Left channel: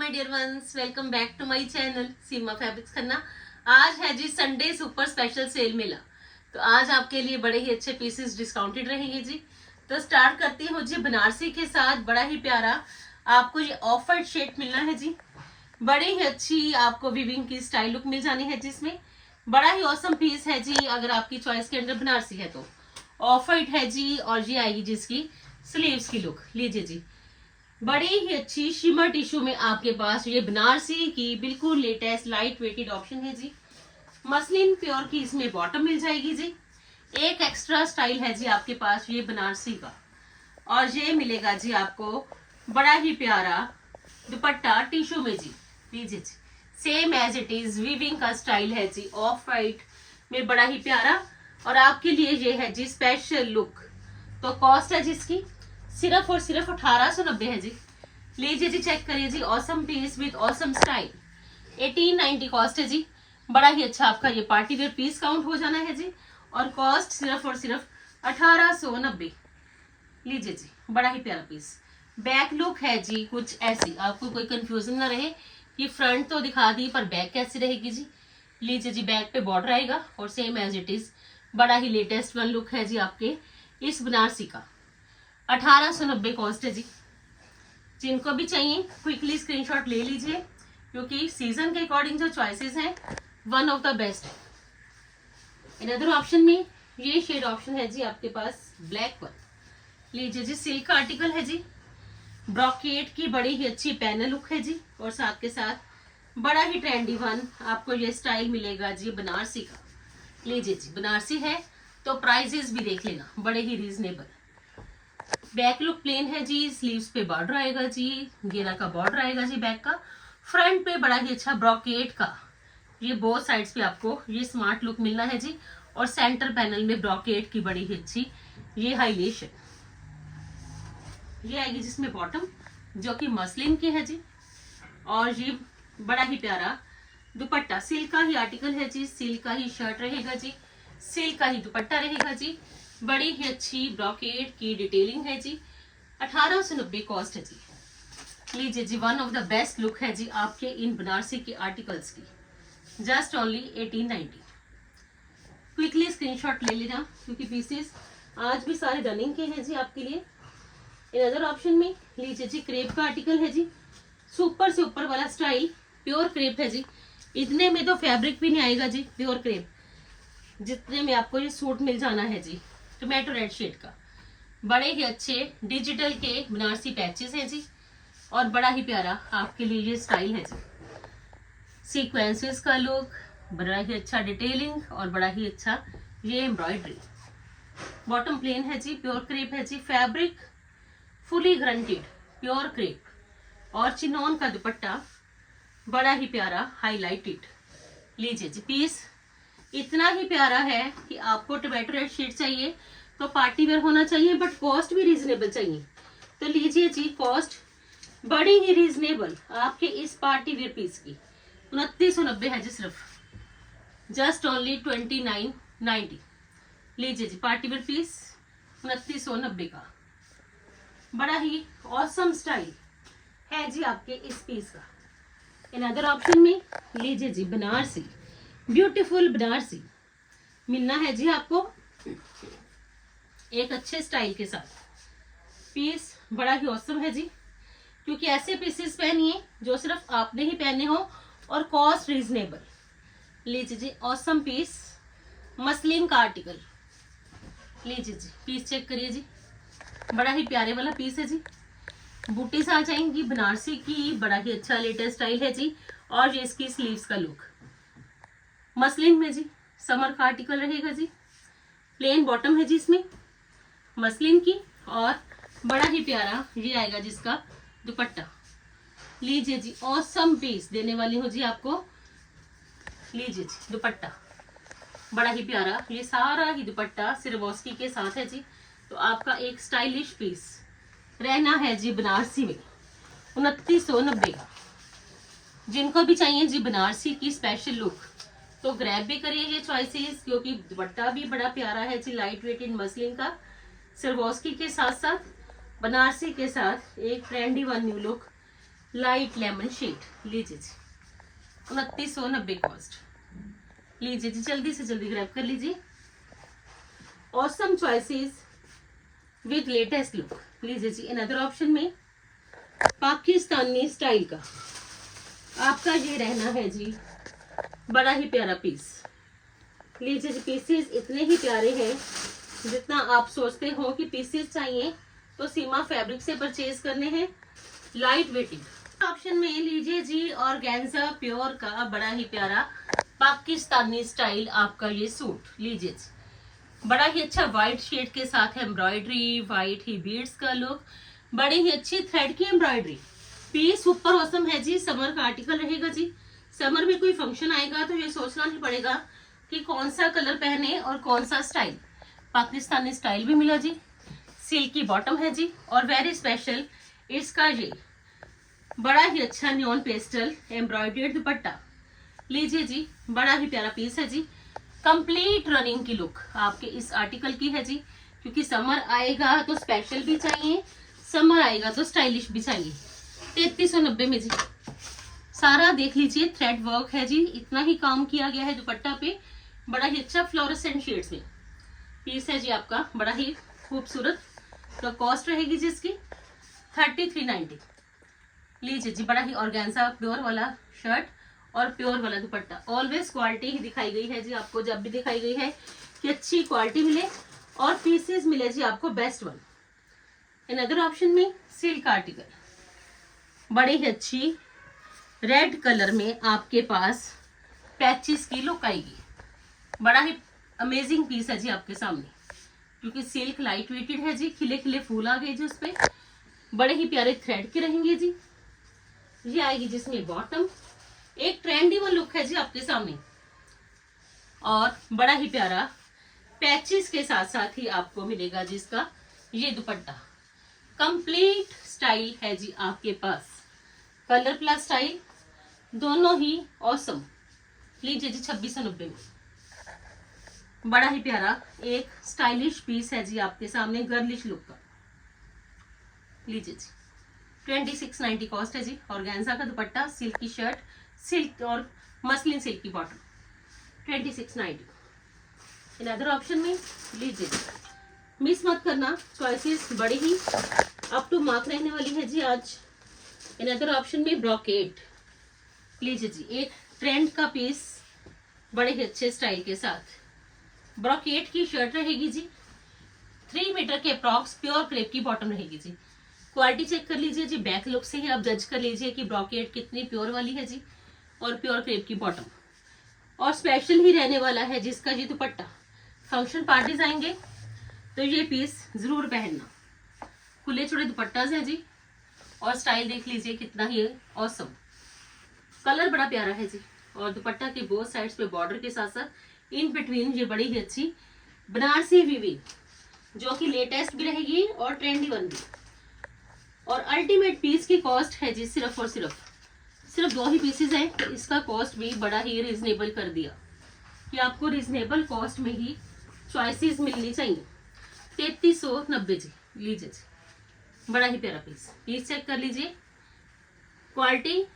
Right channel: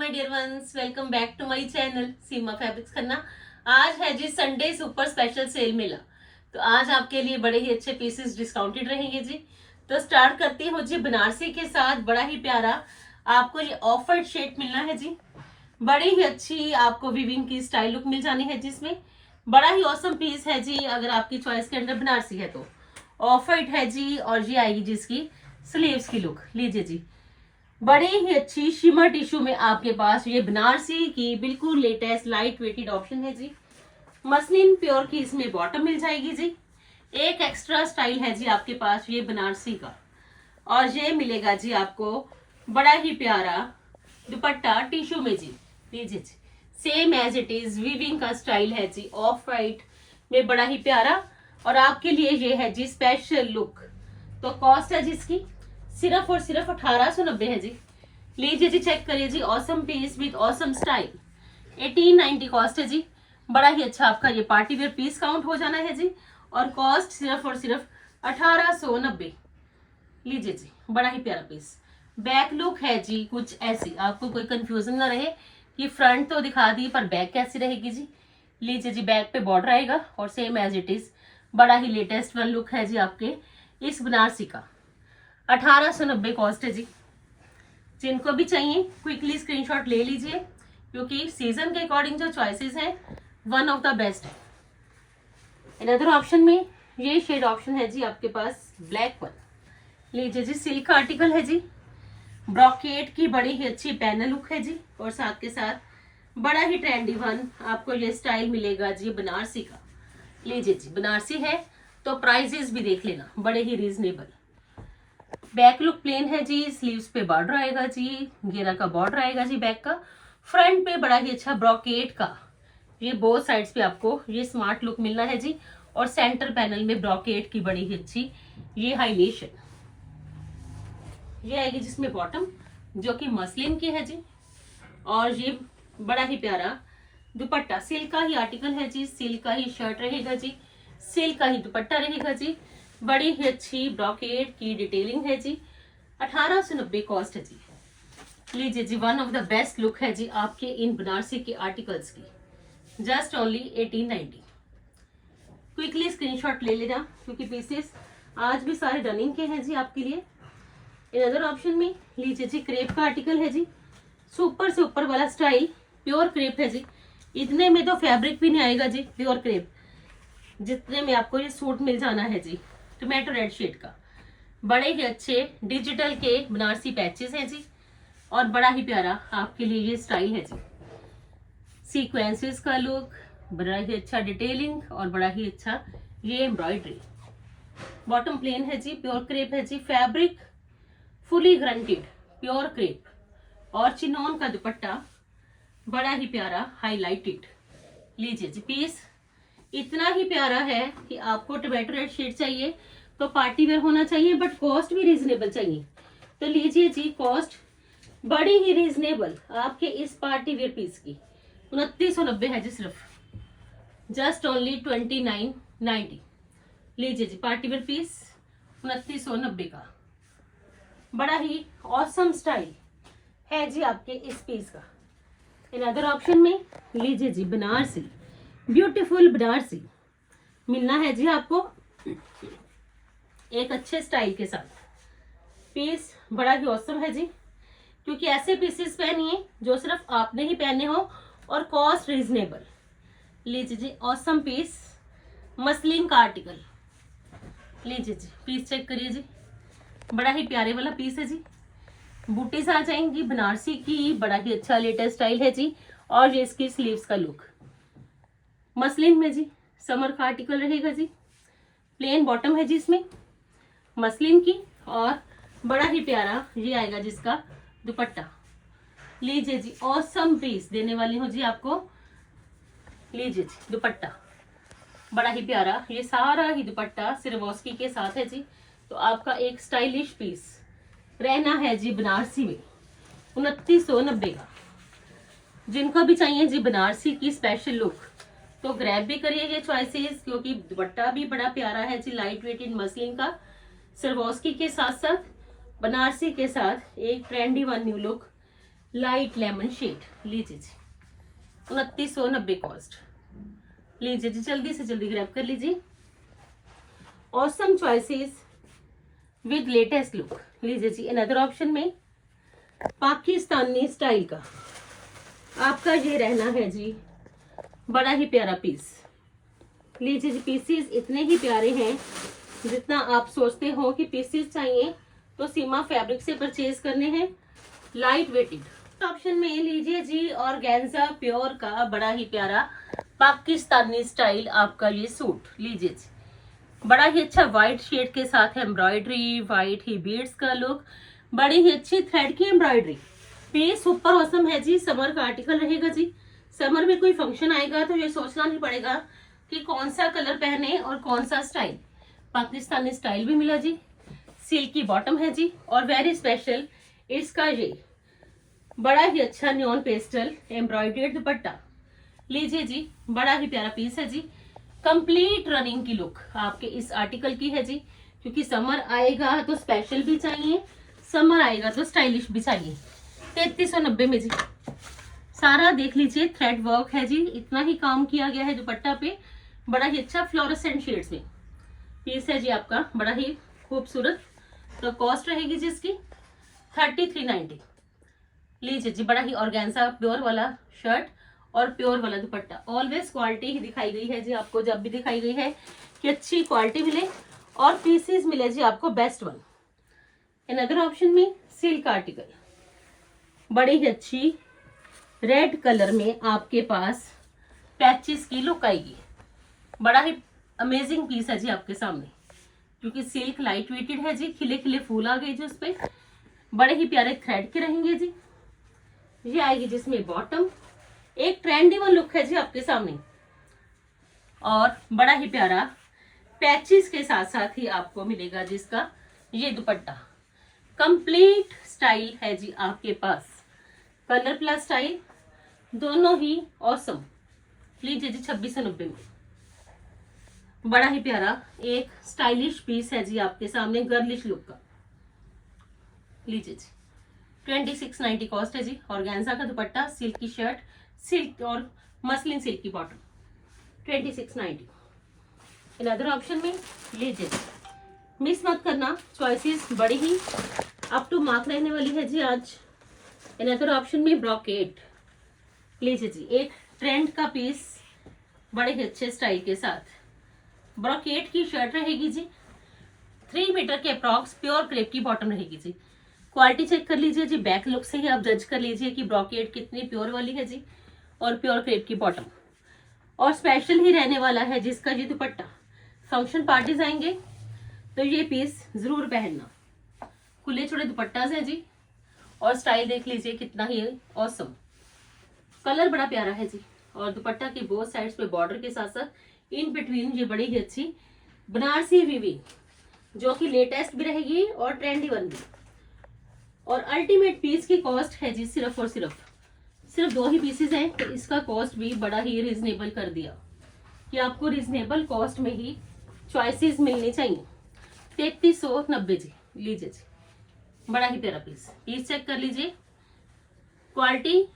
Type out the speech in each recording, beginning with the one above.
My dear ones, welcome back to my channel Seema fabrics Khanna. आज है जी संडे सुपर स्पेशल सेल मेला। तो आज आपके लिए बड़े ही अच्छे पीसेस डिस्काउंटेड रहेंगे जी। तो स्टार्ट करती हूँ जी बनारसी के साथ। बड़ा ही प्यारा आपको ये ऑफ वाइट शेड मिलना है जी। बड़ी ही अच्छी आपको वीविंग की स्टाइल लुक मिल जानी है जिसमें बड़ा ही औसम पीस है जी। अगर आपकी चॉइस के अंदर बनारसी है तो ऑफ वाइट है जी। और ये आएगी जिसकी स्लीव्स की लुक। लीजिए जी, बड़ी ही अच्छी शिमर टिश्यू में आपके पास ये बनारसी की बिल्कुल लेटेस्ट लाइट वेटेड ऑप्शन है जी। मसलिन प्योर की इसमें बॉटम मिल जाएगी जी। एक एक्स्ट्रा स्टाइल है जी आपके पास ये बनारसी का। और ये मिलेगा जी आपको बड़ा ही प्यारा दुपट्टा टिश्यू में जी। लीजिए जी, same as it is weaving का स्टाइल है जी, ऑफ वाइट में बड़ा ही प्यारा। और आपके लिए ये है जी स्पेशल लुक। तो कॉस्ट है जिसकी सिर्फ और सिर्फ 1890 है जी। लीजिए जी, चेक करिए जी, awesome piece with awesome style. 1890 cost है जी। बड़ा ही अच्छा आपका ये पार्टी वेयर पीस काउंट हो जाना है जी। और कॉस्ट सिर्फ और सिर्फ 1890। लीजिए जी, बड़ा ही प्यारा पीस। बैक लुक है जी कुछ ऐसी, आपको कोई कंफ्यूजन ना रहे कि फ्रंट तो दिखा दी पर बैक कैसी रहेगी जी। लीजिए जी, बैक पे बॉर्डर आएगा और सेम एज इट इज बड़ा ही लेटेस्ट वन लुक है जी आपके इस बनारसी का। 1890 कॉस्ट है जी। जिनको भी चाहिए क्विकली स्क्रीनशॉट ले लीजिए, क्योंकि सीजन के अकॉर्डिंग जो चॉइसेस हैं वन ऑफ द बेस्ट है। अनदर ऑप्शन में ये शेड ऑप्शन है जी आपके पास ब्लैक वन। लीजिए जी, सिल्क का आर्टिकल है जी। ब्रॉकेट की बड़ी ही अच्छी पैनल लुक है जी। और साथ के साथ बड़ा ही ट्रेंडी वन आपको ये स्टाइल मिलेगा जी बनारसी का। लीजिए जी, बनारसी है तो प्राइजेस भी देख लेना, बड़े ही रीजनेबल। बैक लुक प्लेन है जी, स्लीव्स पे बॉर्डर आएगा जी, घेरा का बॉर्डर आएगा जी बैक का। फ्रंट पे बड़ा ही अच्छा ब्रॉकेट का ये बोथ साइड्स पे आपको ये स्मार्ट लुक मिलना है जी। और सेंटर पैनल में ब्रॉकेट की बड़ी ही अच्छी ये हाईलाइशन ये आएगी जिसमें बॉटम जो कि मसलिन की है जी। और ये बड़ा ही प्यारा दुपट्टा, सिल्क का ही आर्टिकल है जी, सिल्क का ही शर्ट रहेगा जी, सिल्क का ही दुपट्टा रहेगा जी। बड़ी ही अच्छी ब्रॉकेट की डिटेलिंग है जी। 1890 कॉस्ट है जी। लीजिए जी, one of the best look है जी आपके इन बनारसी के आर्टिकल्स की। Just only 1890। क्विकली स्क्रीनशॉट ले लेना, क्योंकि पीसेस आज भी सारे रनिंग के हैं जी आपके लिए। इन अदर ऑप्शन में लीजिए जी, क्रेप का आर्टिकल है जी। सुपर से ऊपर वाला स्टाइल प्योर क्रेप है जी। इतने में तो फैब्रिक भी नहीं आएगा जी प्योर क्रेप, जितने में आपको ये सूट मिल जाना है जी टोमेटो रेड शेड का। बड़े ही अच्छे डिजिटल के बनारसी पैचेस हैं जी। और बड़ा ही प्यारा आपके लिए ये स्टाइल है जी। सीक्वेंसेस का लुक, बड़ा ही अच्छा डिटेलिंग और बड़ा ही अच्छा ये एम्ब्रॉयडरी। बॉटम प्लेन है जी, प्योर क्रेप है जी। Fabric fully guaranteed pure crepe. और चिनॉन का दुपट्टा बड़ा ही प्यारा हाईलाइटेड। लीजिए जी, पीस इतना ही प्यारा है कि आपको टोमेटो रेड शेड चाहिए तो पार्टी वेयर होना चाहिए, बट कॉस्ट भी रीजनेबल चाहिए। तो लीजिए जी, कॉस्ट बड़ी ही रीजनेबल आपके इस पार्टी वेयर पीस की 2990 है जी सिर्फ। Just only 2990। लीजिए जी, पार्टी वेयर पीस 2990 का। बड़ा ही ऑसम स्टाइल है जी आपके इस पीस का। इन अदर ऑप्शन में लीजिए जी, बनारसी ब्यूटीफुल बनारसी मिलना है जी आपको एक अच्छे स्टाइल के साथ। पीस बड़ा ही औसम है जी, क्योंकि ऐसे पीसेस पहनिए जो सिर्फ आपने ही पहने हो और कॉस्ट रीजनेबल। लीजिए जी, औसम पीस मसलिन का आर्टिकल। लीजिए जी, पीस चेक करिए जी, बड़ा ही प्यारे वाला पीस है जी। बूटीज आ जाएंगी बनारसी की, बड़ा ही अच्छा लेटेस्ट स्टाइल है जी। और ये इसकी स्लीव्स का लुक मसलिन में जी, समर का आर्टिकल रहेगा जी। प्लेन बॉटम है जी इसमें मसलिन की। और बड़ा ही प्यारा ये आएगा जिसका दुपट्टा। लीजिए जी, ऑसम पीस देने वाली हूँ जी आपको। लीजिए जी, दुपट्टा बड़ा ही प्यारा, ये सारा ही दुपट्टा सिरवॉस्की के साथ है जी। तो आपका एक स्टाइलिश पीस रहना है जी बनारसी में 2990 का। जिनको भी चाहिए जी बनारसी की स्पेशल लुक तो ग्रैब भी करिए ये चॉइसेस, क्योंकि दुपट्टा भी बड़ा प्यारा है जी, लाइट वेट इन मसलिन का। सिरवॉस्की के साथ साथ बनारसी के साथ एक trendy one new look light lemon shade, लीजिए जी 2990 कॉस्ट। लीजिए जी जल्दी से जल्दी ग्रैब कर लीजिए। Awesome choices with latest look. लीजिए जी अनदर ऑप्शन में पाकिस्तानी स्टाइल का आपका ये रहना है जी, बड़ा ही प्यारा पीस। लीजिए जी पीसेस इतने ही प्यारे हैं जितना आप सोचते हो कि पीसेस चाहिए तो सीमा फैब्रिक से परचेज करने हैं, लाइट वेटेड। ऑप्शन में लीजिए जी ऑर्गेन्जा प्योर का बड़ा ही प्यारा पाकिस्तानी स्टाइल आपका ये सूट। लीजिए जी बड़ा ही अच्छा व्हाइट शेड के साथ एम्ब्रॉयडरी, व्हाइट ही बीड्स का लुक, बड़ी ही अच्छी थ्रेड की एम्ब्रॉयडरी। पीस सुपर ऑसम है जी, समर का आर्टिकल रहेगा जी। समर में कोई फंक्शन आएगा तो ये सोचना नहीं पड़ेगा कि कौन सा कलर पहने और कौन सा स्टाइल। पाकिस्तानी स्टाइल भी मिला जी, सिल्क की बॉटम है जी, और वेरी स्पेशल इसका ये बड़ा ही अच्छा न्योन पेस्टल एम्ब्रॉयडर्ड दुपट्टा। लीजिए जी बड़ा ही प्यारा पीस है जी, कंप्लीट रनिंग की लुक आपके इस आर्टिकल की है जी, क्योंकि समर आएगा तो स्पेशल भी चाहिए, समर आएगा तो स्टाइलिश भी चाहिए। 3390 में जी सारा देख लीजिए थ्रेड वर्क है जी, इतना ही काम किया गया है दुपट्टा पे, बड़ा ही अच्छा फ्लोरेसेंट शेड्स में पीस है जी आपका, बड़ा ही खूबसूरत। तो कॉस्ट रहेगी जी इसकी 3390। लीजिए जी बड़ा ही ऑर्गेन्जा प्योर वाला शर्ट और प्योर वाला दुपट्टा। ऑलवेज क्वालिटी ही दिखाई गई है जी आपको, जब भी दिखाई गई है कि अच्छी क्वालिटी मिले और पीसेस मिले जी आपको बेस्ट वन। अनदर ऑप्शन में सिल्क आर्टिकल, बड़ी ही अच्छी रेड कलर में आपके पास पैचेस की लुक आएगी, बड़ा ही अमेजिंग पीस है जी आपके सामने, क्योंकि सिल्क लाइट वेटेड है जी, खिले खिले फूल आ गए जी उस पे, बड़े ही प्यारे थ्रेड के रहेंगे जी। ये आएगी जिसमें बॉटम, एक ट्रेंडी वन लुक है जी आपके सामने, और बड़ा ही प्यारा पैचेस के साथ साथ ही आपको मिलेगा जिसका ये दुपट्टा। कंप्लीट स्टाइल है जी आपके पास, कलर प्लस स्टाइल दोनों ही ऑसम। लीजिए जी 2690 में बड़ा ही प्यारा एक स्टाइलिश पीस है जी आपके सामने, गर्लिश लुक का। लीजिए जी 2690 कॉस्ट है जी। ऑर्गेन्जा का दुपट्टा, सिल्क की शर्ट, सिल्क और मसलिन सिल्क की बॉटम, 2690। अनदर ऑप्शन में लीजिए मिस मत करना, चॉइसेस बड़ी ही अप टू मार्क रहने वाली है जी आज। अनदर ऑप्शन में ब्रॉकेट, लीजिए जी एक ट्रेंड का पीस बड़े ही अच्छे स्टाइल के साथ, ब्रॉकेट की शर्ट रहेगी जी, 3 मीटर के अप्रॉक्स, प्योर क्रेप की बॉटम रहेगी जी। क्वालिटी चेक कर लीजिए जी, बैक लुक से ही आप जज कर लीजिए कि ब्रॉकेट कितनी प्योर वाली है जी, और प्योर क्रेप की बॉटम, और स्पेशल ही रहने वाला है जिसका जी दुपट्टा। फंक्शन पार्टीज आएंगे तो ये पीस जरूर पहनना। खुले छुड़े दुपट्टाज है जी, और स्टाइल देख लीजिए कितना ही ऑसम, कलर बड़ा प्यारा है जी, और दुपट्टा की बोथ साइड्स पे बॉर्डर के साथ साथ इन बिटवीन ये बड़ी ही अच्छी बनारसी वीविंग जो कि लेटेस्ट भी रहेगी और ट्रेंडी वन भी। और अल्टीमेट पीस की कॉस्ट है जी सिर्फ और सिर्फ 2 ही पीसेस हैं, तो इसका कॉस्ट भी बड़ा ही रिजनेबल कर दिया कि आपको रिजनेबल कॉस्ट में ही चॉइसेस मिलनी चाहिए। 3390 जी। लीजिए जी बड़ा ही प्यारा पीस चेक कर लीजिए, क्वालिटी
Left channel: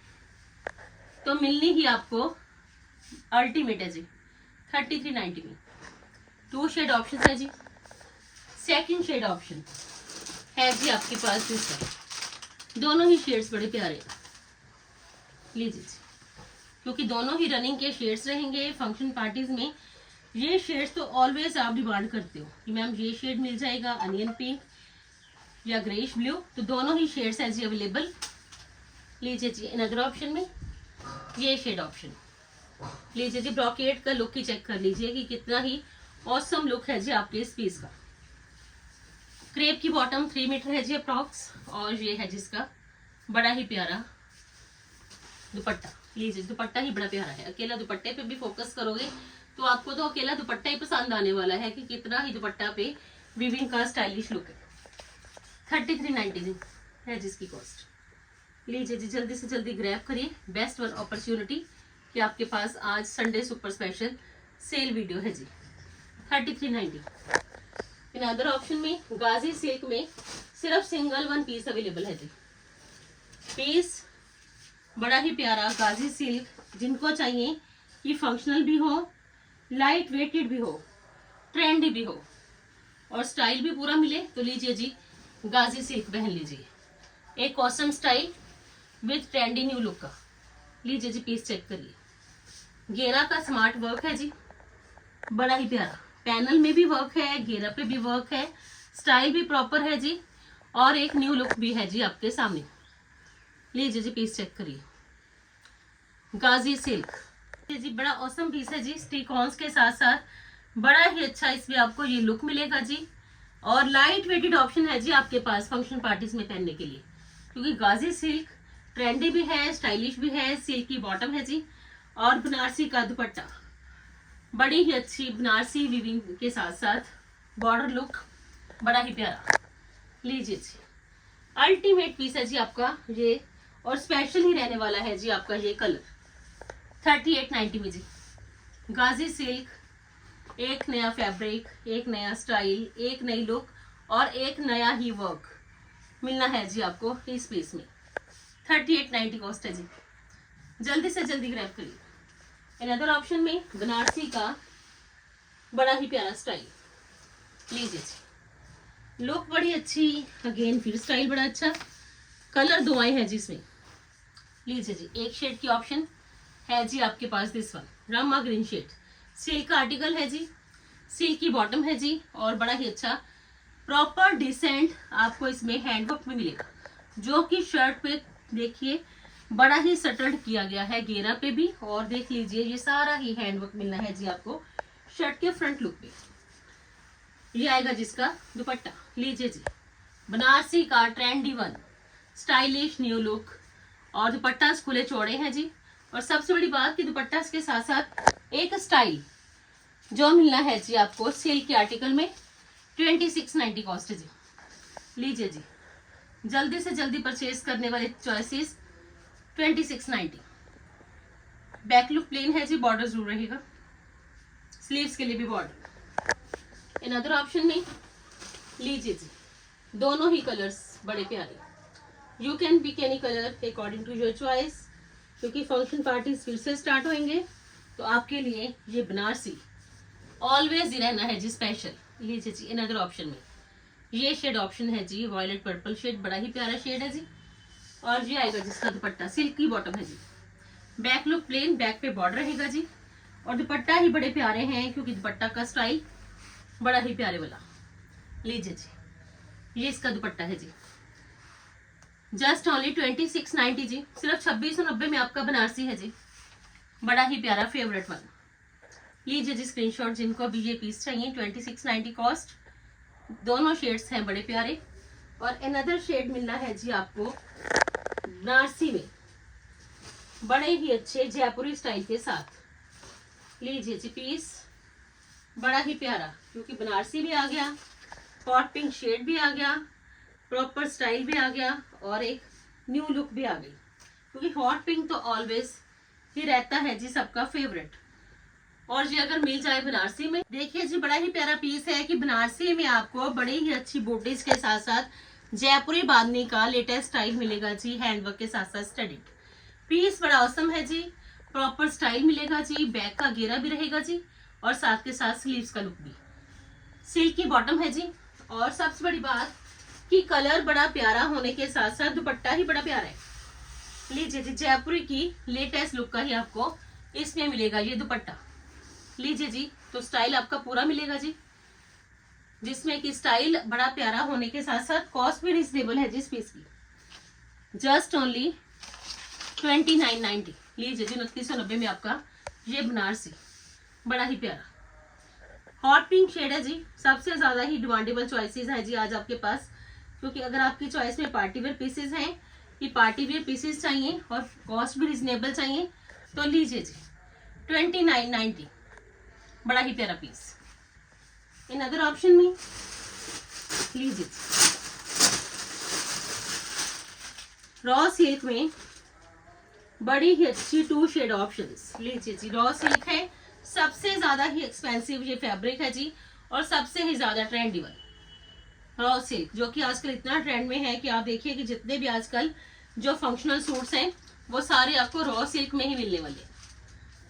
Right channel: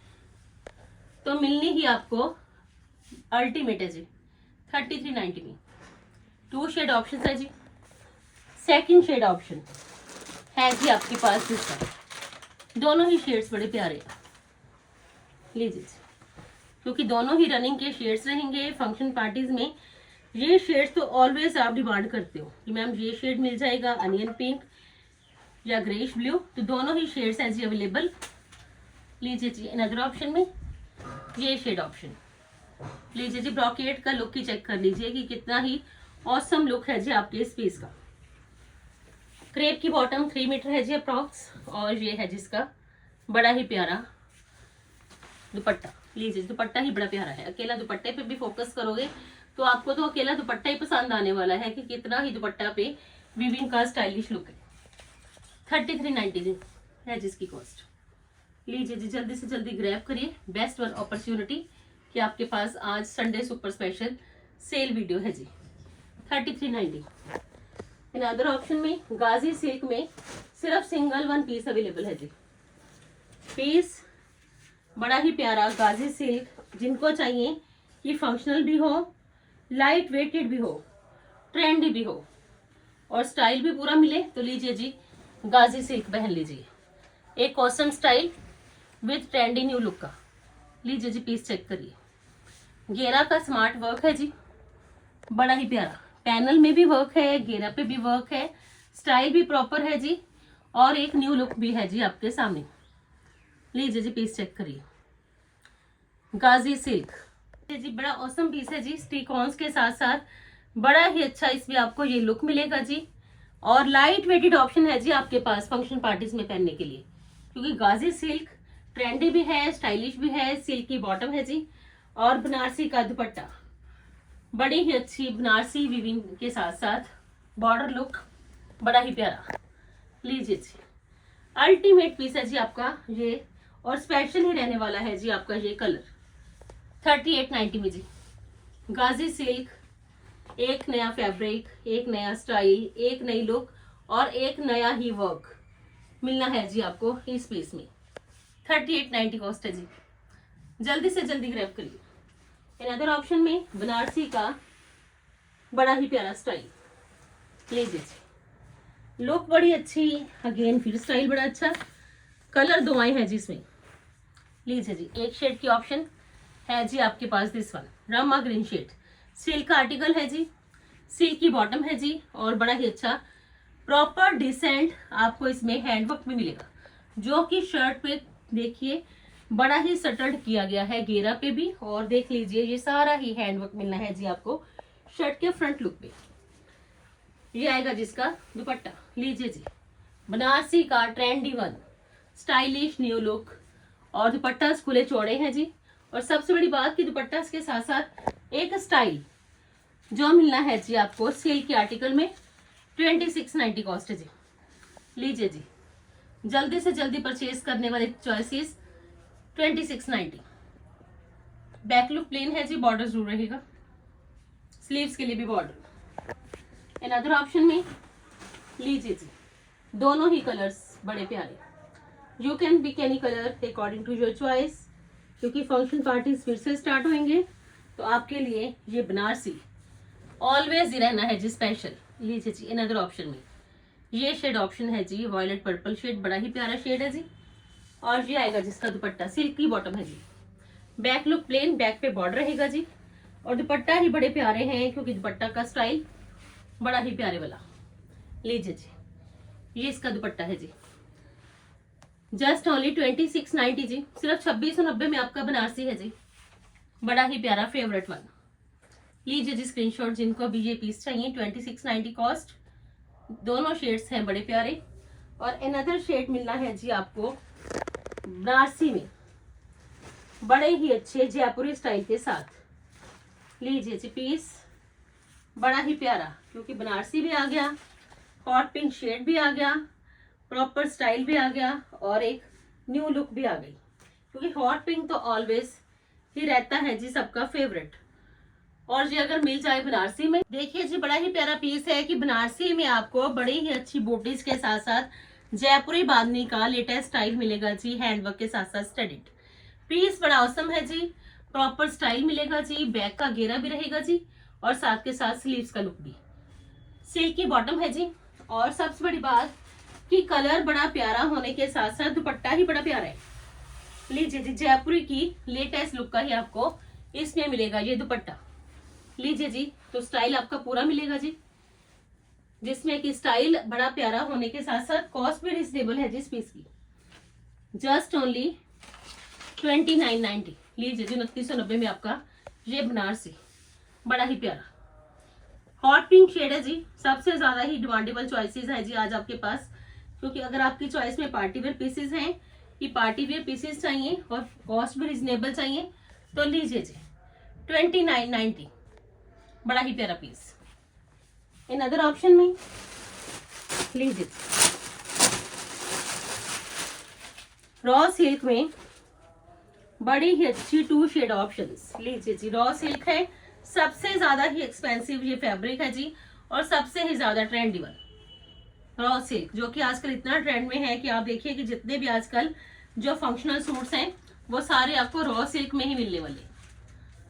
तो मिलनी ही आपको अल्टीमेट है जी। 3390 में 2 शेड ऑप्शन है जी। सेकंड शेड ऑप्शन है जी आपके पास जिसका, दोनों ही शेड्स बड़े प्यारे हैं। लीजिए जी, क्योंकि दोनों ही रनिंग के शेड्स रहेंगे फंक्शन पार्टीज में। ये शेड्स तो ऑलवेज आप डिमांड करते हो कि मैम ये शेड मिल जाएगा, अनियन पिंक या ग्रेइश ब्लू, तो दोनों ही शेड्स हैं जी अवेलेबल। लीजिए जी अनदर ऑप्शन में ये शेड ऑप्शन। लीजिए जी ब्रॉकेट का लुक ही चेक कर लीजिए कि कितना ही ऑसम लुक है जी आपके इस पीस का। क्रेप की बॉटम 3 मीटर है जी अप्रॉक्स, और ये है जिसका बड़ा ही प्यारा दुपट्टा। लीजिए दुपट्टा ही बड़ा प्यारा है, अकेला दुपट्टे पे भी फोकस करोगे तो आपको तो अकेला दुपट्टा ही पसंद आने वाला है कि कितना ही दुपट्टा पे वीविंग का स्टाइलिश लुक है। 3390 है जिसकी कॉस्ट। लीजिए जी जल्दी से जल्दी ग्रैब करिए, बेस्ट वन अपॉर्चुनिटी कि आपके पास आज Sunday super special sale video है जी। 3390। इन अदर ऑप्शन में गाजी सिल्क में सिर्फ सिंगल वन पीस अवेलेबल है जी। पीस बड़ा ही प्यारा गाजी सिल्क, जिनको चाहिए कि फंक्शनल भी हो, लाइट वेटेड भी हो, ट्रेंडी भी हो और स्टाइल भी पूरा मिले, तो लीजिए जी गाजी सिल्क पहन लीजिए। एक awesome style with trendy new look का। लीजिए जी पीस चेक करिए, घेरा का स्मार्ट वर्क है जी, बड़ा ही प्यारा। पैनल में भी वर्क है, घेरा पे भी वर्क है, स्टाइल भी प्रॉपर है जी और एक न्यू लुक भी है जी आपके सामने। लीजिए जी पीस चेक करिए, गाजी सिल्क जी बड़ा औसम पीस है जी। स्टिकॉन्स के साथ साथ बड़ा ही अच्छा इसमें आपको ये लुक मिलेगा जी और लाइट वेटेड ऑप्शन है जी आपके पास फंक्शन पार्टीज में पहनने के लिए, क्योंकि गाजी सिल्क ट्रेंडी भी है, स्टाइलिश भी है। सिल्क की बॉटम है जी और बनारसी का दुपट्टा, बड़ी ही अच्छी बनारसी वीविंग के साथ साथ बॉर्डर लुक, बड़ा ही प्यारा। लीजिए जी अल्टीमेट पीस है जी आपका ये और स्पेशल ही रहने वाला है जी आपका ये कलर। 3890 में जी गाजी सिल्क, एक नया फैब्रिक, एक नया स्टाइल, एक नई लुक और एक नया ही वर्क मिलना है जी आपको इस पीस में। 3890 कॉस्ट है जी, जल्दी से जल्दी ग्रैब करिए। अनदर ऑप्शन में बनारसी का बड़ा ही प्यारा स्टाइल। लीजिए जी लुक बड़ी अच्छी, अगेन फिर स्टाइल बड़ा अच्छा, कलर दो आए हैं जी इसमें। लीजिए जी एक शेड की ऑप्शन है जी आपके पास, this one rama green shade. Silk का आर्टिकल है जी, सिल्क की बॉटम है जी और बड़ा ही अच्छा प्रॉपर डिसेंट आपको इसमें हैंडवर्क भी मिलेगा, जो कि शर्ट पे देखिए बड़ा ही सटल्ड किया गया है, घेरा पे भी। और देख लीजिए ये सारा ही हैंडवर्क मिलना है जी आपको शर्ट के फ्रंट लुक पे। ये आएगा जिसका दुपट्टा। लीजिए जी बनारसी का trendy one stylish new look और दुपट्टा खुले चौड़े हैं जी। और सबसे बड़ी बात कि दुपट्टा के साथ साथ एक स्टाइल जो मिलना है जी आपको सिल्क के आर्टिकल में। 2690 कॉस्ट है जी। लीजिए जी जल्दी से जल्दी परचेज करने वाले चॉइसेस 2690। बैक लुक प्लेन है जी, बॉर्डर जरूर रहेगा, स्लीव्स के लिए भी बॉर्डर। अनदर ऑप्शन में लीजिए जी दोनों ही कलर्स बड़े प्यारे, you can pick any colour according to your choice, क्योंकि फंक्शन पार्टीज फिर से स्टार्ट होंगे तो आपके लिए ये बनारसी ऑलवेज ही रहना है जी स्पेशल। लीजिए जी अनदर ऑप्शन में ये शेड ऑप्शन है जी, वॉयलेट पर्पल शेड, बड़ा ही प्यारा शेड है जी। और ये आएगा जिसका दुपट्टा, सिल्क की बॉटम है जी। बैक लुक प्लेन, बैक पे बॉर्डर रहेगा जी और दुपट्टा ही बड़े प्यारे हैं, क्योंकि दुपट्टा का स्टाइल बड़ा ही प्यारे वाला। लीजिए जी ये इसका दुपट्टा है जी, जस्ट ओनली 2690 जी, सिर्फ 2690 में आपका बनारसी है जी, बड़ा ही प्यारा फेवरेट वन। लीजिए जी स्क्रीनशॉट जिनको भी ये पीस चाहिए। 2690 कॉस्ट, दोनों शेड्स हैं बड़े प्यारे। और अनदर शेड मिलना है जी आपको बनारसी में बड़े ही अच्छे जयपुरी स्टाइल के साथ। लीजिए जी पीस बड़ा ही प्यारा, क्योंकि बनारसी भी आ गया, हॉट पिंक शेड भी आ गया, प्रॉपर स्टाइल भी आ गया और एक न्यू लुक भी आ गई, क्योंकि हॉट पिंक तो ऑलवेज ही रहता है जी सबका फेवरेट। और जी अगर मिल जाए बनारसी में, देखिए जी बड़ा ही प्यारा पीस है कि बनारसी में आपको बड़ी ही अच्छी बूटीज के साथ साथ जयपुरी बांधनी का लेटेस्ट स्टाइल मिलेगा जी, हैंडवर्क के साथ साथ स्टडीड। पीस बड़ा औसम है जी, प्रॉपर स्टाइल मिलेगा जी, बैक का घेरा भी रहेगा जी और साथ के साथ स्लीव्स का लुक भी। सिल्क की बॉटम है जी और सबसे बड़ी बात कि कलर बड़ा प्यारा होने के साथ साथ दुपट्टा ही बड़ा प्यारा है। लीजिए जी जयपुरी की लेटेस्ट लुक का ही आपको इसमें मिलेगा ये दुपट्टा। लीजिए जी तो स्टाइल आपका पूरा मिलेगा जी, जिसमें कि स्टाइल बड़ा प्यारा होने के साथ साथ कॉस्ट भी रिजनेबल है जी इस पीस की, जस्ट ओनली 2990। लीजिए जी 2990 में आपका ये बनारसी बड़ा ही प्यारा हॉट पिंक शेड है जी। सबसे ज्यादा ही डिमांडेबल चॉइसेस है जी आज आपके पास, क्योंकि अगर आपकी चॉइस में पार्टी वेयर पीसेस हैं कि पार्टी वेयर पीसेस चाहिए और कॉस्ट भी रिजनेबल चाहिए, तो लीजिए जी 2990 बड़ा ही प्यारा पीस। इन अदर ऑप्शन में लीजिए रॉ सिल्क में बड़ी ही अच्छी 2 शेड ऑप्शंस। लीजिए जी रॉ सिल्क है, सबसे ज्यादा ही एक्सपेंसिव ये फैब्रिक है जी और सबसे ही ज्यादा ट्रेंडी वन रॉ सिल्क, जो कि आजकल इतना ट्रेंड में है कि आप देखिए कि जितने भी आजकल जो फंक्शनल सूट्स हैं वो सारे आपको रॉ सिल्क में ही मिलने वाले हैं।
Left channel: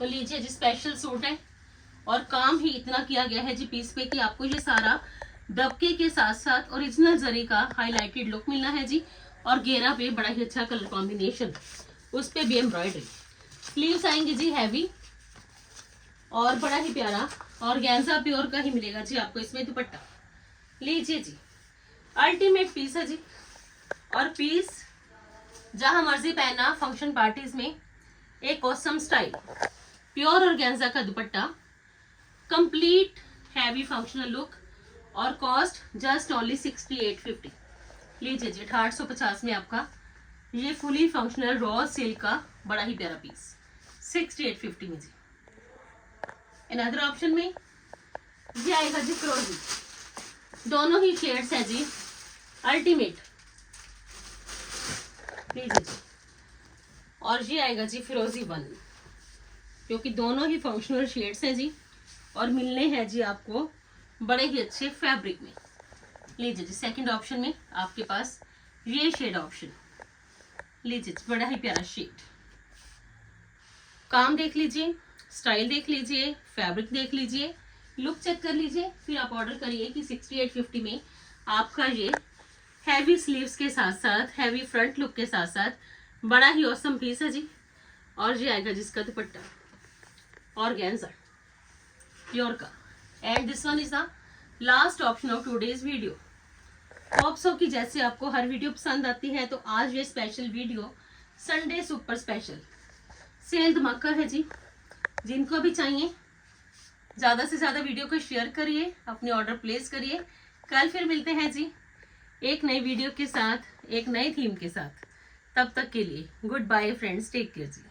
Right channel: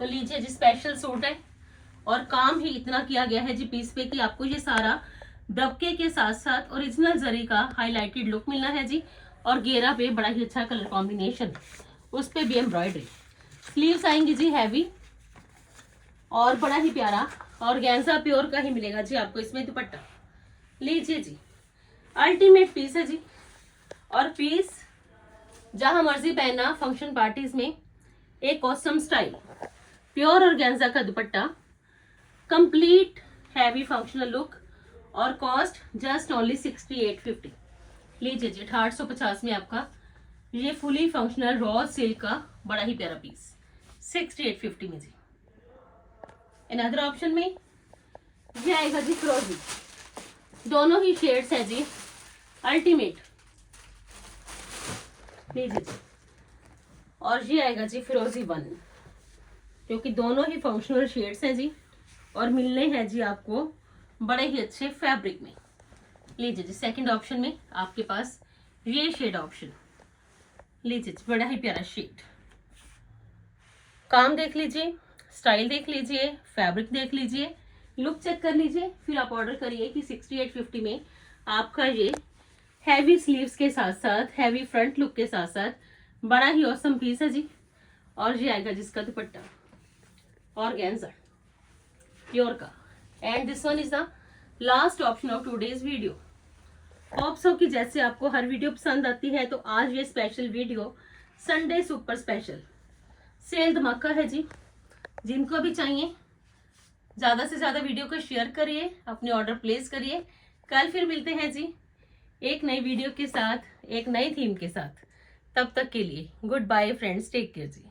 तो लीजिए जी, स्पेशल सूट है और काम ही इतना किया गया है जी पीस पे कि आपको ये सारा दबके के साथ साथ ओरिजिनल जरी का हाईलाइटेड लुक मिलना है जी। और घेरा पे बड़ा ही अच्छा कलर कॉम्बिनेशन, उस पे भी एम्ब्रॉयडरी। स्लीव्स आएंगी जी हैवी और बड़ा ही प्यारा, और गैंजा प्योर का ही मिलेगा जी आपको इसमें दुपट्टा। लीजिए जी, अल्टीमेट पीस है जी। और पीस जहां मर्जी पहनना, फंक्शन पार्टीज में एक ऑसम स्टाइल, प्योर ऑर्गेन्जा का दुपट्टा, कंप्लीट हैवी फंक्शनल लुक, और कॉस्ट जस्ट ओनली 6850। लीजिए जी, 850 में आपका ये फुली फंक्शनल रॉ सिल्क का बड़ा ही प्यारा पीस 6850 में जी। अनदर ऑप्शन में ये आएगा जी फिरोजी, दोनों ही शेड्स है जी अल्टीमेट। लीजिए जी, और ये आएगा जी फिरोजी 1, क्योंकि दोनों ही फंक्शनल शेड्स हैं जी और मिलने हैं जी आपको बड़े ही अच्छे फैब्रिक में। लीजिए जी, सेकंड ऑप्शन में आपके पास ये शेड ऑप्शन। लीजिए जी, बड़ा ही प्यारा शेड। काम देख लीजिए, स्टाइल देख लीजिए, फैब्रिक देख लीजिए, लुक चेक कर लीजिए, फिर आप ऑर्डर करिए कि 6850 में आपका ये हैवी स्लीव्स के साथ साथ, हैवी फ्रंट लुक के साथ साथ बड़ा ही ऑसम पीस है जी। और ये आएगा जिसका दुपट्टा ऑर्गेन्जा प्योर का। And this one is the last option of today's video. Hope so कि जैसे आपको हर वीडियो पसंद आती है, तो आज ये special video Sunday super special sale धमाका है जी। जिनको भी चाहिए ज़्यादा से ज़्यादा वीडियो को शेयर करिए, अपने ऑर्डर प्लेस करिए। कल फिर मिलते हैं जी एक नई वीडियो के साथ, एक नई थीम के साथ। तब तक के लिए goodbye friends, take care जी।